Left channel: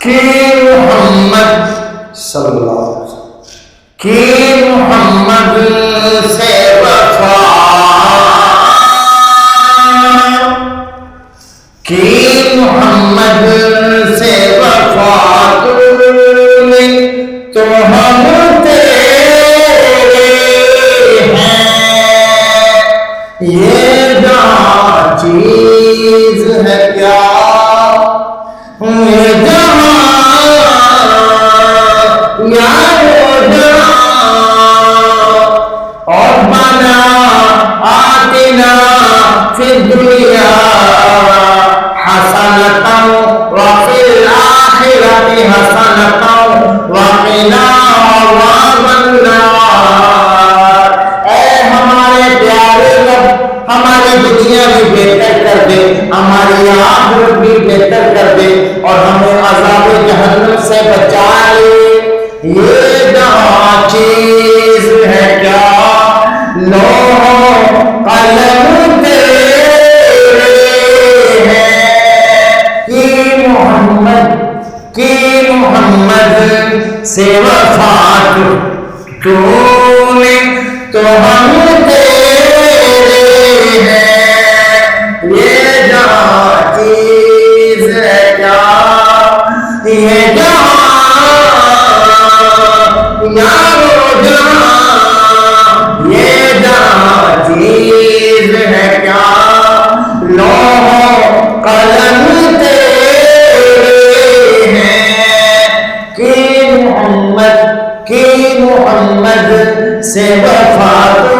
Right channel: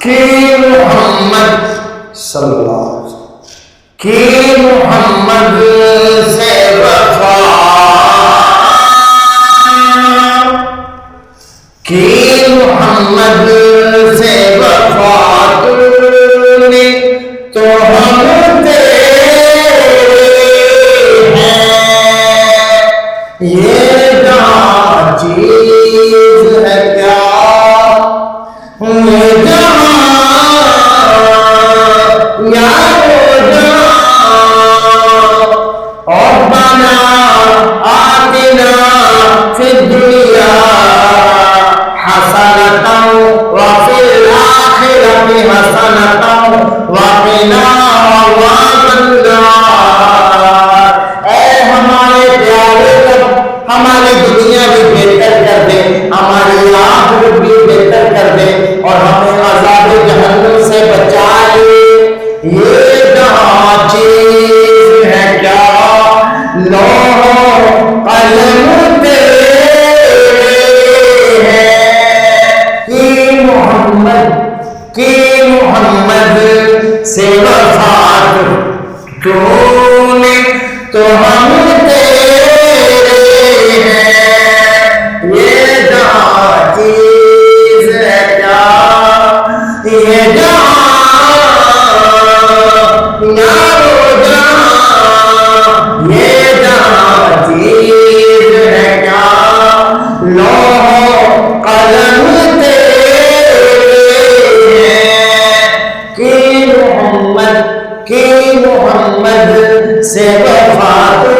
کہ محمد صلی اللہ علیہ وسلم کہ محمد سے وفا کہ محمد سے وفا تو نے تو ہم تیرے ہیں یہ جہاں چیز ہے کیا یہ جہاں یارو جہاں اور بنا آتنا فی الدنیا حسنتا وفی الآخرت حسنتا وقنا عذاب النار۔ اے ہمارے پیارے رب ہماری دنیا بھی بہتر کر دے، ہماری آخرت بھی بہتر کر دے اور ہمیں عذاب جہنم سے بچا لے۔ یہ جہاں چیز ہے کیا لوح قلم تیرے ہیں کہ محمد سے وفا تو نے تو ہم تیرے ہیں یہ جہاں چیز ہے کیا یہ جہاں یارو جہاں یہ جہاں چیز ہے کیا لوح قلم تیرے ہیں کہ محمد سے وفا تو